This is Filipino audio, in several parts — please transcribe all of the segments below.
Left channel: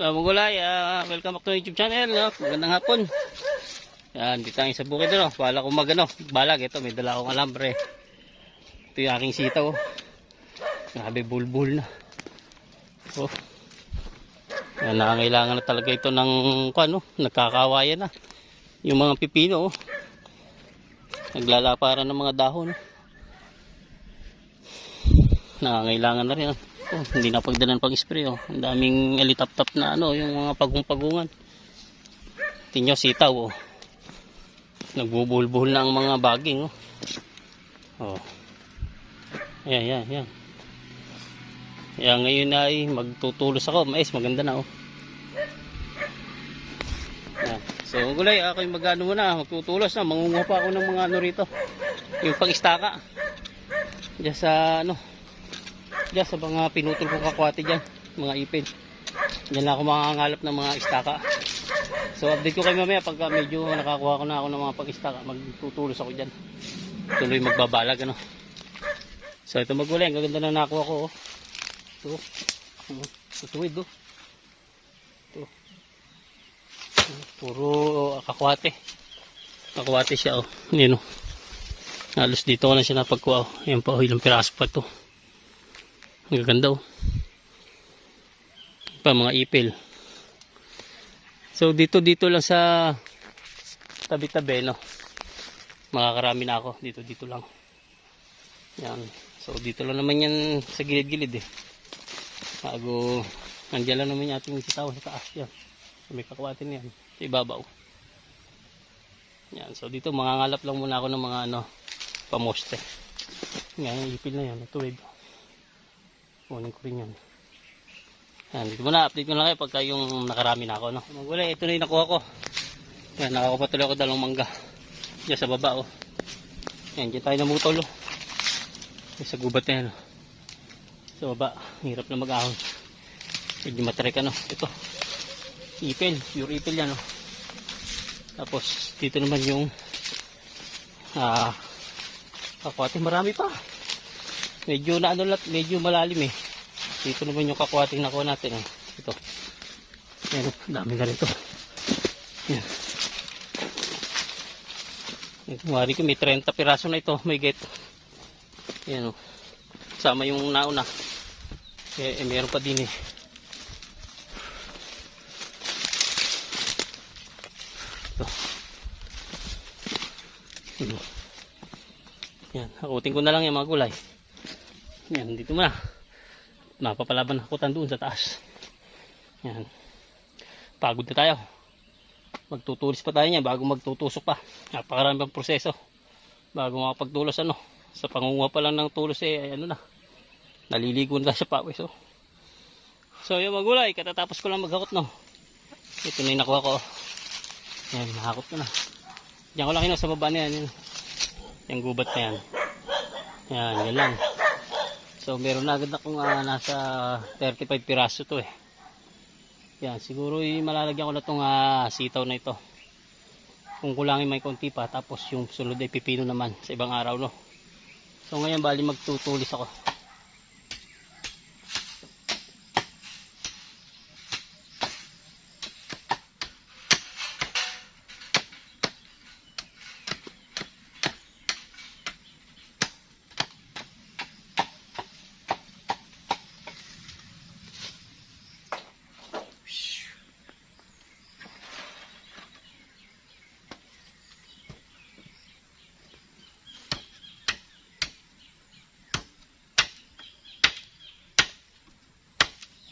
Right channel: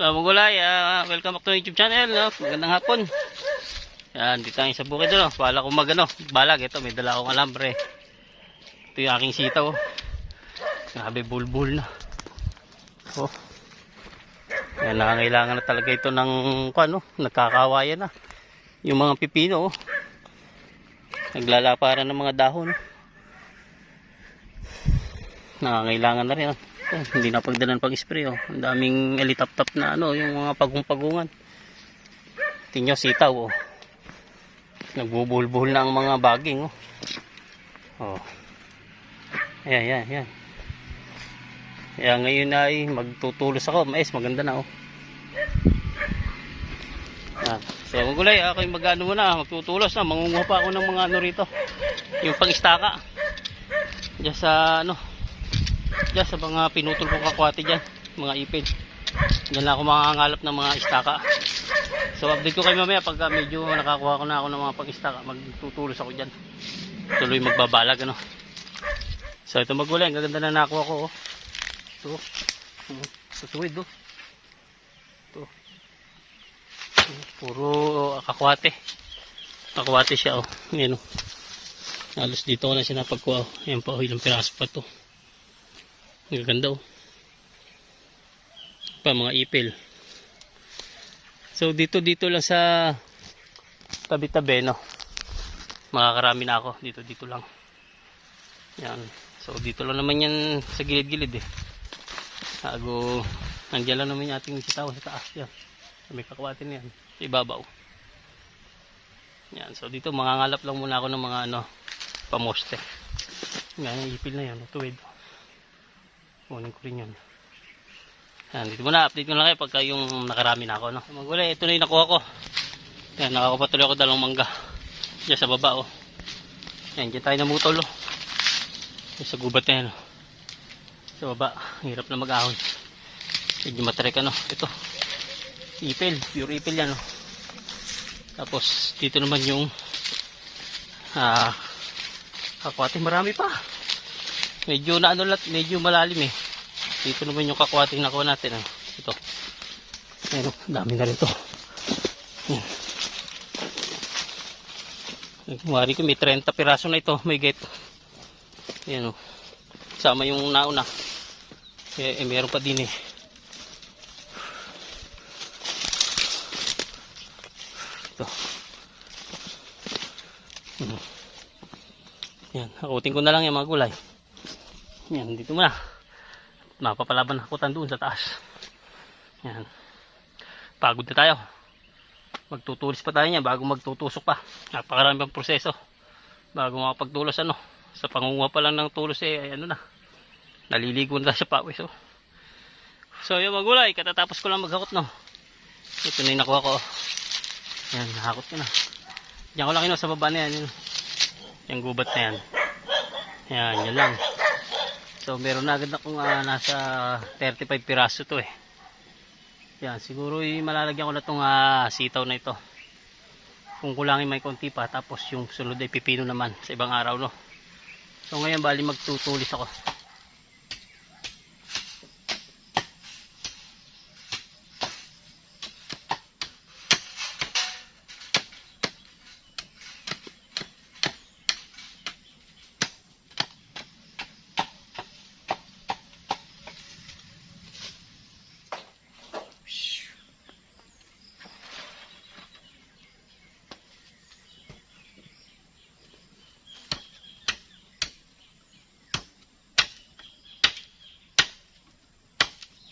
Magulay, welcome back to YouTube channel, no? Magandang hapon. Yan, dito tayo sa bukid, no? Bala ko balag, ito, may dala akong alambre. Ito yung aking sitaw, oh. Grabe, bulbul na. Oh. Yan, nakangailangan na talaga ito ng, nagkakawayan na. Yung mga pipino, oh. Naglalaparan ng mga dahon, oh. Nakangailangan na rin, oh. Oh, hindi na pagdalan pag spray, oh. Ang daming alitap-tap na yung mga pagong-pagungan. Tingnan nyo, sitaw, oh. Nagbubuhol-buhol na ang mga baging, oh. Oh. Ayan. Kaya ngayon ay magtutulos ako. Mais, maganda na, oh. Yan. So, Magulay, ako yung magtutulos na. Mangunguha pa ako ng mga rito. Yung pang-istaka. Diyan sa diyan sa mga pinutol kong kakwate dyan, mga ipid. Diyan lang ako makangalap ng mga istaka. So update ko kayo mamaya pagka medyo nakakuha ko na ako ng mga pang-istaka. Magtutulos ako dyan. Tuloy magbabalag, So ito Magulay, ang gaganda na nakuha ko, oh. Ito. Sa tuwid, oh. Ito. Puro kakwate. Kakwate siya, oh. Yan, oh. Halos dito ko na siya napagkuha, oh. Yan pa, oh. Ilang piraso pa to. Ang gaganda, oh. Pa mga ipil. So dito lang sa tabi-tabi, makakarami na ako dito lang. Yan. So dito lang naman yan sa gilid-gilid, eh. Nandiyan lang naman yung ating sitaw sa taas yan. So, may kakwate na yan sa ibabaw. Yan. So dito mangangalap lang muna ako ng mga pamoste. Yan, ipil na yan, tuwid. Kunin ko rin yun. Yan, dito muna, update ko lang kayo pagka yung nakarami na ako, Magulay, ito na yung nakuha ko. Yan, nakakapatuloy ako dalawang mangga. Diyan sa baba, oh. Yan, dyan tayo namutol, oh. Sa gubat na yan, oh. Sa baba, hirap na mag-ahon. Medyo matrek, ito. Ipil, pure ipil yan, oh. Tapos, dito naman yung kakwate, marami pa. Medyo medyo malalim, eh. Dito naman yung kakwating nakuha natin, ito. Ayun, dami na rin ito. Yan. Kumari ko may 30 piraso na ito, may gate. Ayan, sama yung nauna. Meron pa din, eh. Ito. Yan, hakutin ko na lang yung mga gulay. Yan, dito muna. Mapapalaban hakutan doon sa taas. Yan. Pagod na tayo. Magtutulis pa tayo niya bago magtutusok pa. Napakarami pang proseso bago makapagtulos, Sa pangunguha pa lang ng tulos, ay naliligo na sa pawis, oh. So yung Magulay, katatapos ko lang maghakot, Ito na yung nakuha ko. Yan, nahakot ko na. Diyan ko lang sa baba na yan. Yung gubat na yan. Yan lang. So meron na agad akong nasa 35 piraso to, eh. Yan, siguro malalagyan ko na itong sitaw na ito. Kung kulangin may konti pa, tapos yung sunod ay pipino naman sa ibang araw, So ngayon bali magtutulis ako.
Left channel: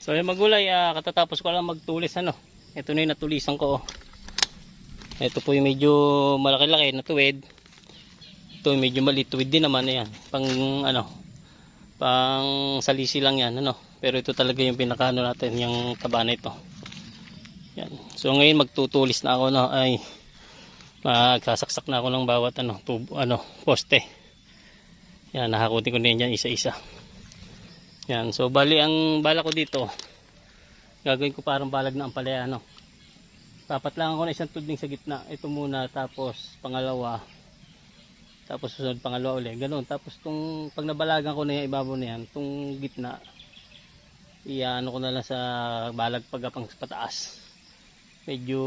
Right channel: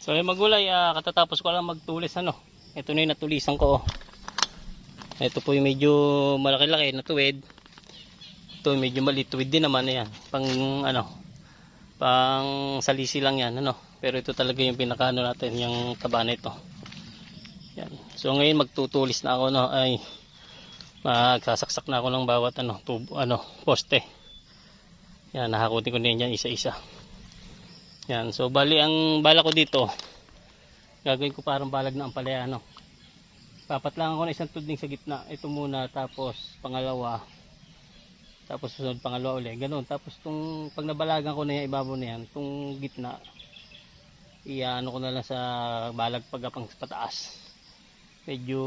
So yung Magulay, katatapos ko lang magtulis, Ito na yung natulisan ko, oh. Ito po yung medyo malaki-laki na tuwid. Ito yung medyo maliit tuwid din naman, yan. Pang salisi lang yan, Pero ito talaga yung pinakaano natin, yung taba na ito. Yan. So ngayon magtutulis na ako, ay magsasaksak na ako ng bawat poste. Yan, nahakutin ko na yan isa-isa. Yan, so bali ang bala ko dito, gagawin ko parang balag na ampalaya, Papatlangan ko na isang tudling sa gitna. Ito muna, tapos pangalawa, tapos susunod pangalawa ulit. Ganun. Tapos pag nabalagan ko na yung ibabaw na yan, itong gitna, iano ko na lang sa balag pagapang pataas. Medyo,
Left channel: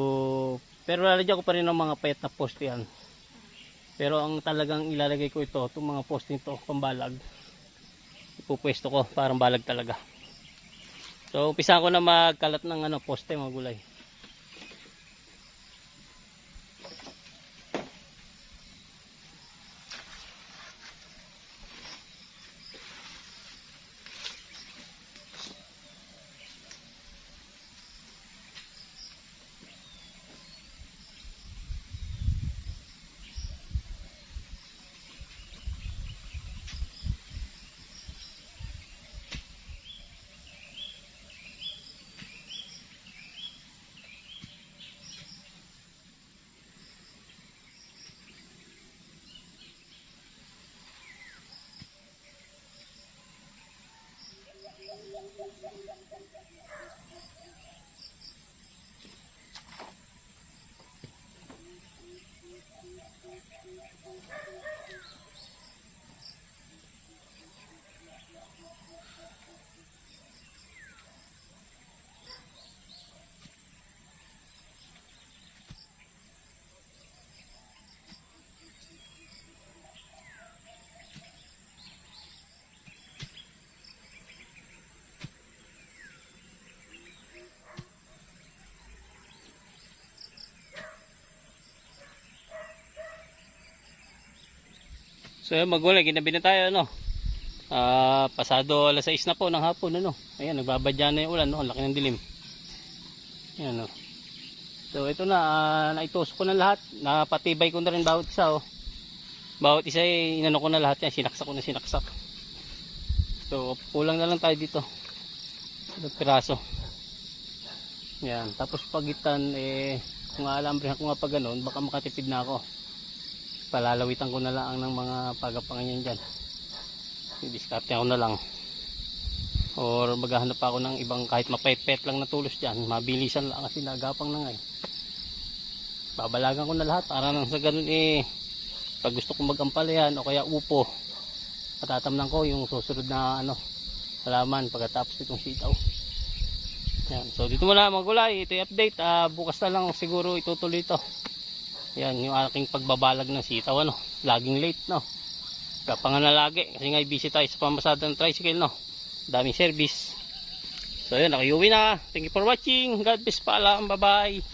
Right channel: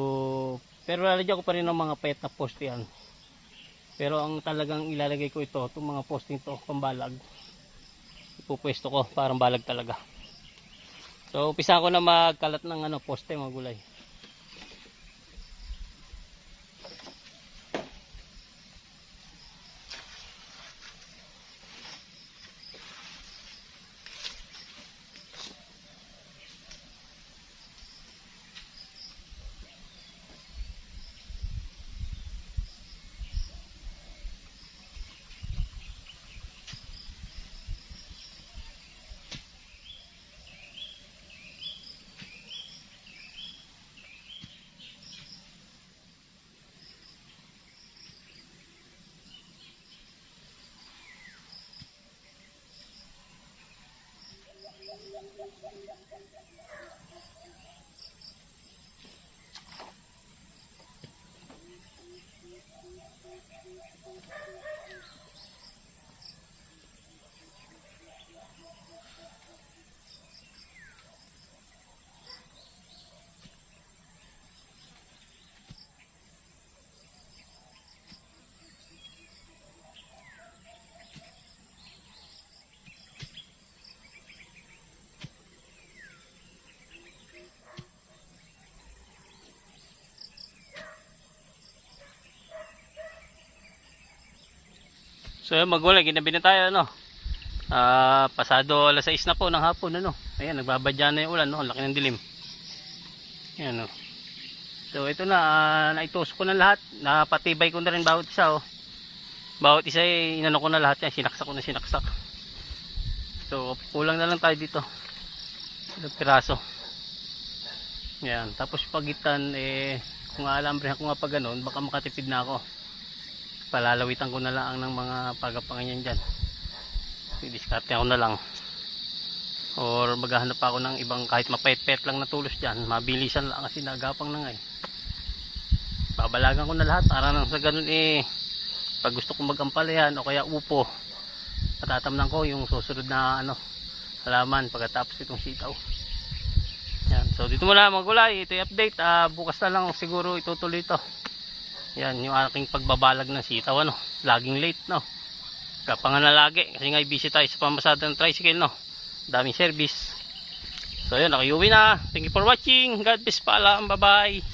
pero lalagyan ko pa rin ng mga payat na poste yan. Pero ang talagang ilalagay ko ito, itong mga posting to, pambalag. Ipupwesto ko, parang balag talaga. So, umpisa ko na magkalat ng poste mga gulay. So yun, magulay, ginabi na tayo pasado alas 6 na po ng hapon Ayan, nagbabadya na yung ulan Ang laki ng dilim. Ayan So ito na, naitusok ko na lahat. Napatibay ko na rin bawat isa Bawat isa inano ko na lahat yan, sinaksak ko na sinaksak. So kulang na lang tayo dito. Ilang piraso. Ayan, tapos pagitan kung alambre ko nga pa ganun, baka makatipid na ako. Palalawitan ko na lang ng mga pagapangan yan dyan. Didiskarte ako na lang. Or maghahanap pa ako ng ibang kahit mapait-pait lang na tulos dyan. Mabilisan lang kasi nagapang na nga Babalagan ko na lahat para nang sa ganun pag gusto kong magampalayan o kaya upo, matatamnan ko yung susunod na halaman pagkatapos itong sitaw. Yan. So dito muna mga gulay. Ito yung update. Bukas na lang siguro itutuloy ito. Yan yung aking pagbabalag ng sitaw laging late kapangan na lagi kasi nga busy tayo sa pamasada ng tricycle daming service. So yun, nakayuwi na. Thank you for watching. God bless, paalam, bye bye.